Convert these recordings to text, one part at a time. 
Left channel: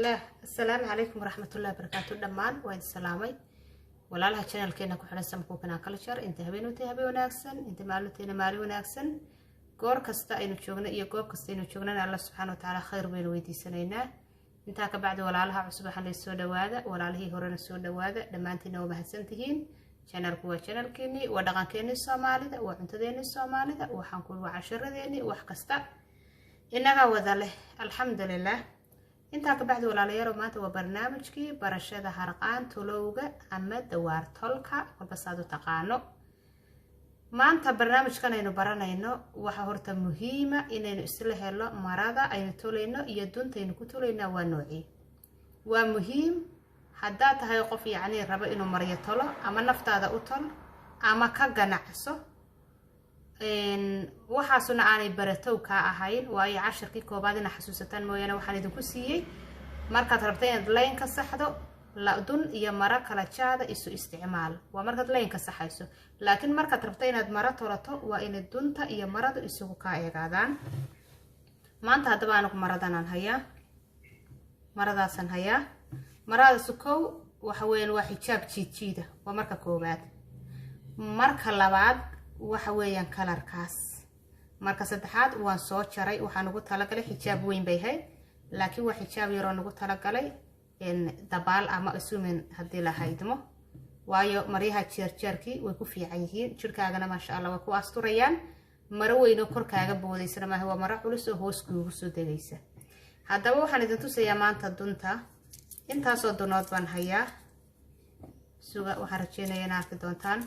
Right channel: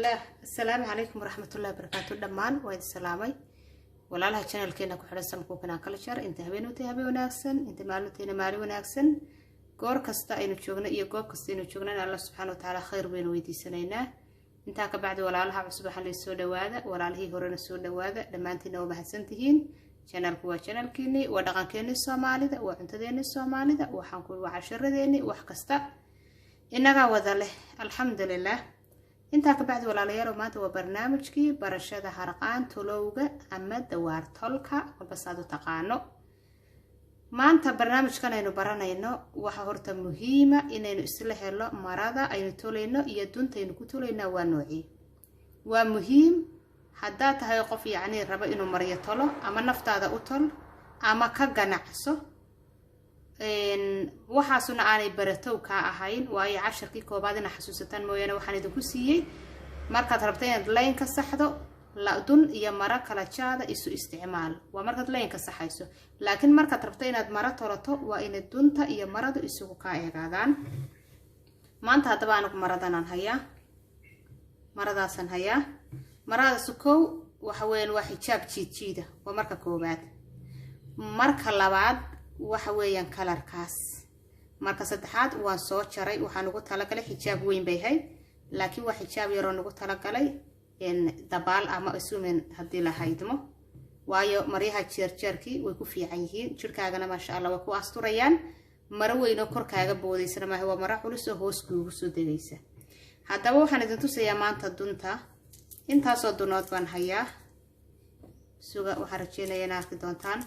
الله. السلام عليكم ورحمة الله وبركاته. دمان وين سلامي ولا لها channel كنا كحنا سمكو كنا كلشر أنت هبين وتهبي وناكسن أنت مالوتين مالي وناكسن قور كستا إنو شغنا يقور كستا إنو شغنا الله سبحانه وتعالى خير بين ويدي سنينا أنت كبعد ولا لها عصبة حلي السودة واذا ولا له هرنا السودة واذا لما أنت نوم هسنتين channel كوا channel كني ودقان كني الصومالي ذا وأنت ذيني الصومالي ذا وحنقول وعشر ذيني وحكستا إنها وذله الحمد لله. انت كبعد ولا ليرو ما تو برنامجكي برشده حرقان تلوغا اما دوار تولكا وبسادو تقانو ما انت برنامجكن aynu baranayno waxa horta muhiima inaynu isla helo marada aynu toleyno iyo duntaynu ku toleyna waa nooci waa muhiim hadaa tahay qof yaani raba inuu mariyo tolo ama naftaada u tol ama ka ganacso waxaasuna aanay baratow ka ahayn waayo casharkii koobaad ina xasuusataan mooyane waxaan idinku siiyay markaad rabtay inaad line ka saxdo la dun iyo mara kala jaada isu isticmaal waa markaad line ka saxayso laakiin markaad rabtay inaad mara tolato waa in dunta iyo maradu isugu ka eegaadaan maanta hadaba aan maradan hayaa maradaasan hayaa marada sukow waxa weeyaan waa xijaab jiida waa marka koobaad marka labaad waxa weeyaan kalarkaas marka saddexaad waan soo jaray waxaan ugu talagalay xijaab weyn bay hay laakiin waa xijaab yar oo ugu talagalay in dabaal ama isumen hadii la haydmo waayo maryaha jeerjeerkii way ku fiican yihiin jirkaagana ma sha Allah way ku asturayaan maro weyn oo korkaaga boodaysana ma waa maro culus oo hoos kuugu soo degaysa hadaba waxaan idin tusayaa maanta dunta intaas oo dunood baan hayaa suuga waxa rajeenaya inaad arki doontaan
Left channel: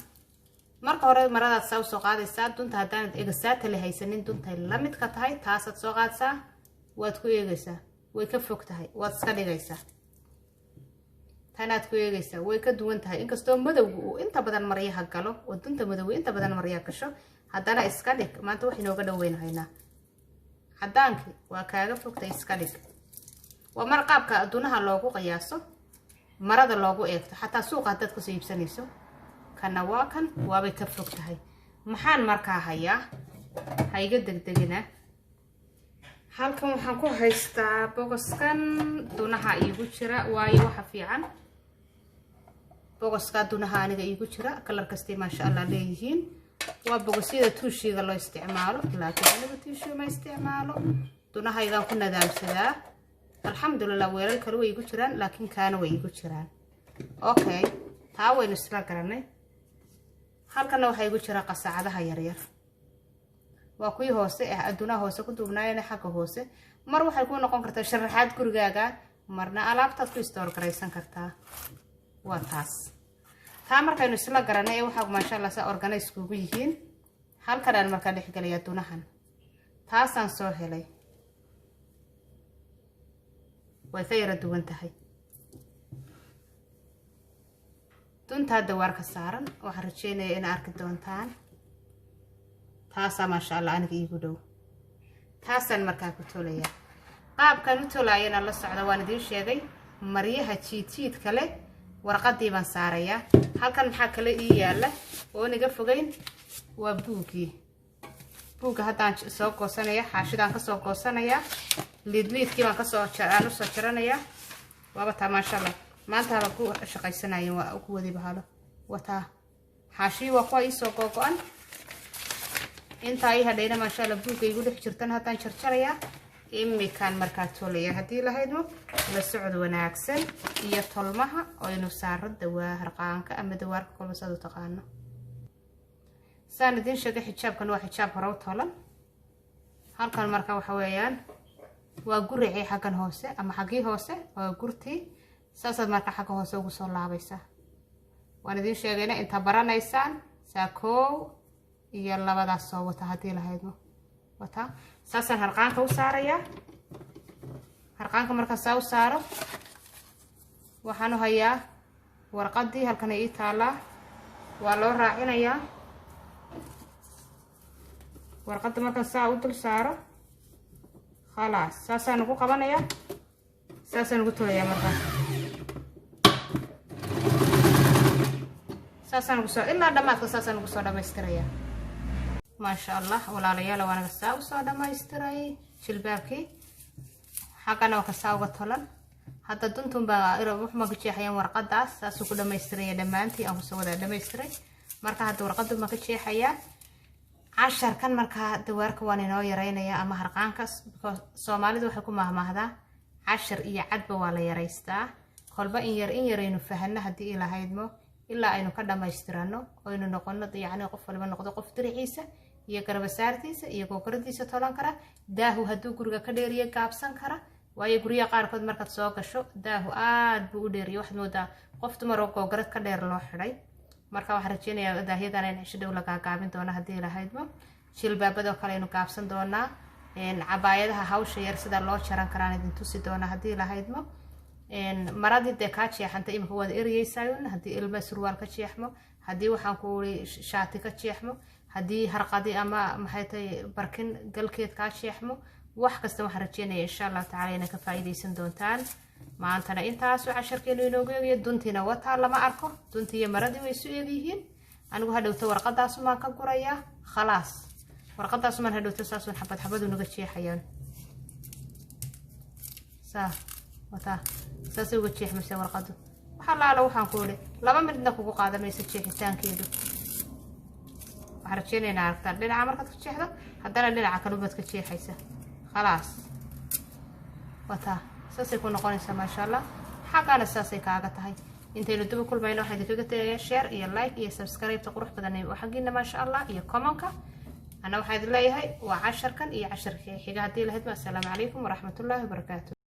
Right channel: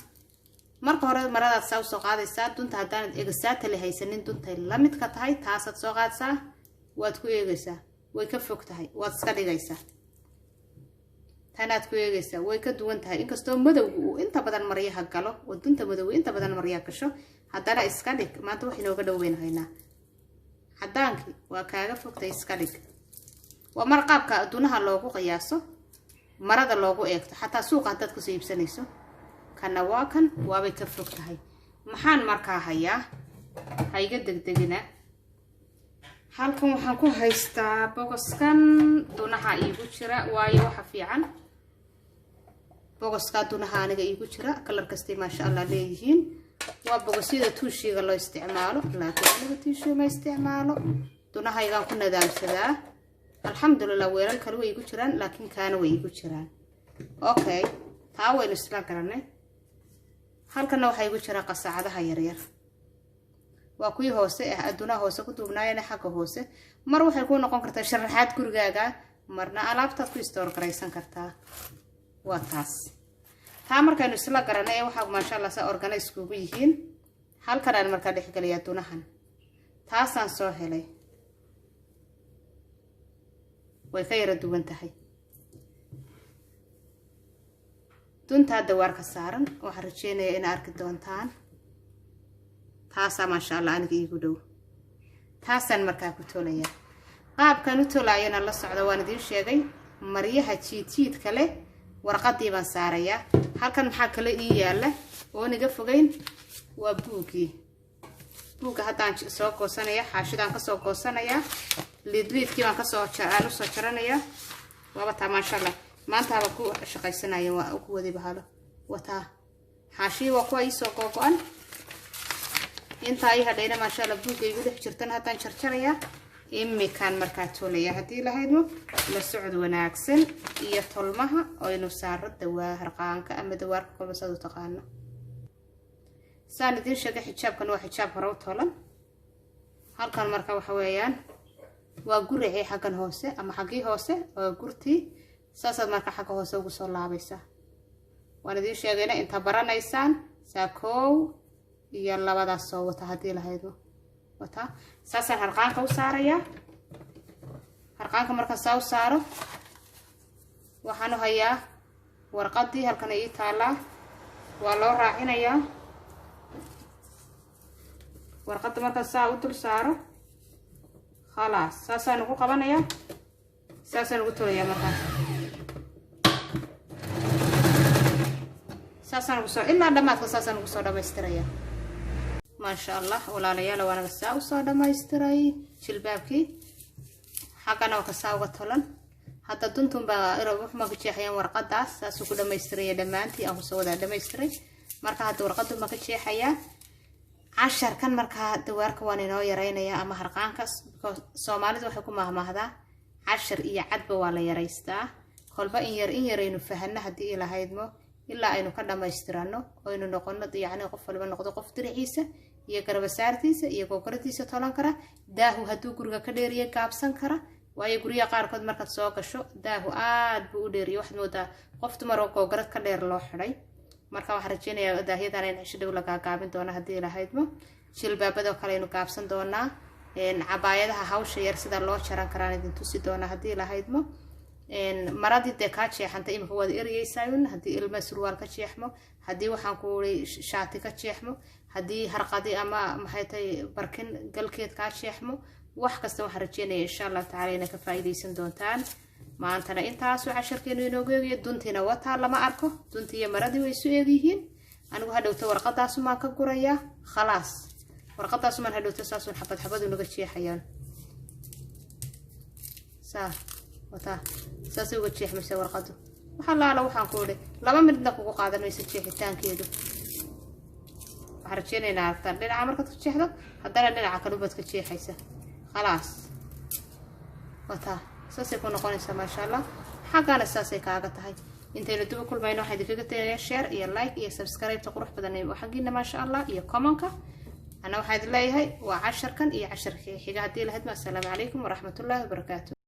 marka hore marada soo qaadaysaa dunta hadaan eegsaata la haysanin dunta la mid ka tahay taas aad soo qaadsaa waad ku eegaysaa way ka fog tahay waad iska dhigaysaa tanaad ku eegaysaa way ka duwan tahay inkastoo madowgu uu inta badan maryaha galo oo dunta madow inta badan maryaha gasho hadana iska dhig maanta wax inooga dhaweynaynaa hadaanki waa kaaga fogtay iska dhig waa marqaabka dunaha loogu qiyaaso marada loogu eegto xataa suuqa dad ku soo iibsanayso kana waa kan waabay ka fog tahay maxaan markaa hayaa hayga degdegina halkan waxaan ku haystaa boqoskan dunaha iigu jira waayo waxa fiican boqoska dunaha aniga iigu jira kalar kasta ma sha Allah leeyihiin waa boqosyada tuushiga loo isticmaalo laakiin aniga tuushiga ma isticmaalo dunaha igaan ku nadaamsadaa alxamdulillah weelal kale way iigu jiraan laakiin kaana way iigu jiraan okay taa waynu isla garanay halkana waxa igu jira qasacadaha yar yar waa kuwii hoose ah aduna hoose ku duubnaayna xagga hoose mar waxay ku noqon kartaa sharaxaad gurigaaga marna alaabtaad ku store garaysan kartaa waa taas taa markaynu isla garanay waxa ma sha Allah sa organize kugu yihiin halkan aan marka dhex galiya dunahan taasaan soo helay way ka yara duwan tahay dunta dawaar ka saaran waxa rajeenaya in arki doontaan taasa ma sha Allah aniga iigu dhow taasan markaa ku tolaya qaabkan u tolayana la socdo waan idin sheegay maryaha jiid kale warqadii baan saaraya halkan waxa kale ii yaala oo niga fogeyn waa buuga hadaan soo goosanaya xaashidaan ka soo goosanaya lidkii baan ka soo jaranaya waaba taa ma sha Allah maanta ha ku shaqaysanaya waa ku wadi bahalo wata xaashi waa ku ay soo go'an inta ay hadheena ma sha Allah buugay ugu dhex jirtan hadan jarjaraya imikan marka toolaya hadii la haydo la socod wanaagsan iyo tolmaha oo inuu saaro dawaa harqaanka ama dawaarka kolba soo taqaano saanidin sheegay xijaabkan waa xijaab horow tolan halkan marka waxa weeyaan waa guricii xagan hoose ama xagii hoose oo gurtii saasaad marka xagga hoose ugu soo laabaysa waan idin sheegayna inta baranaysaan saakow iyo labadaas soo wata hadii la haydo wata saasaan harqaanka u saaraya harqaanka marka soo saaro waxaan u hayaa warqadii halkan ay taala waa loo raacinayaa warqadda marka saa u dul saaro خلاص saasaan ugu qabanaya saasaan ugu tolaya marka saasaan ugu soo ilaa dhamaadka saasaan ugu soo dhameystiraya ما شاء الله ولا ليالا وانا بساو صادة ما يستري جلبابكي حقنا وكساو قطلن hadda duntan baa wax ma ka jeexayaan warqadaas saas ku dhamaystiray dhamaantii aan soo wada dhamaystiray marka hadda warqadu ma ka jeexayaa casharkan marka dawaarka waan inoo yareynaya ama harqaankaas Soomaalidu waxay ku mahmaahdaa cashar iyo cadba waa la yareystaa kolba in yaraynu fahanna hadii ilaahaymo ilaa aynu ka dhamaystirano oo aynu noqono yacni qof walba noqdo qof diriciisa iyo garbasaartiisa iyo kokoradiisa tolan kara daahu haduu guriga ka dheeriyo gaabsan kara waayo guriga qaarkood markaad soo gasho daahu aad buu u dheeriyo wax moodaa qof dumar oo kokorad ka dheer loo xiray marka waxaan rajeynayaa daahiyadan in cisho dhow laga gaabin doono hadii ilaahaymo jilbaabada kale aynu gaabsan doonaa cabaayadaha hawsha yar sida loo jaran karaan idin tusi doona hadii ilaahaymo maradii de ka jeexanta imka wada eriyaysaayun hadii ilma surwaal ka jeexmo hadii waxaan ku shaati ka jeexmo hadii harqadi ama maxay tahay barkin galkeed ka jeexmo wax kasta waxaan rajeynayaa insha Allah taala inay ka faa'iideysan doontaan maantana intaas oo casharkeenu inoo geeyo duntina wata lama arko duntiya maradii way soo eegyihiin anigu hadhowta warqadaas ma ka guraya khalaas warqadaas ma hadhowta saasun xabad unaga jeexayaan wata saasay uga jeexmaysa warqadu waxa la waxaan ku leeyahay laba midna kugu qaadanaysa jeexitaankeedu waxaan rajeynaynaa aragtaan dhinaca markaad ku jeexdo haddana dhinaca kale baad ka jeexaysa khalaas wata saasay ku noqonaysaa ma sha Allah xaqana saasay kaaga tahay intaynu dib u kulmayno waxaan idinkaga tagayaa share iyo like iyo subscribe qurux badan ee waxagiina ma sha Allah iyo comment-ka ana waxaan idin leeyahay waa casharkan iyo casharkii xiga hadii la hadma assalamu alaykum wa rahmatullahi wa barakatuh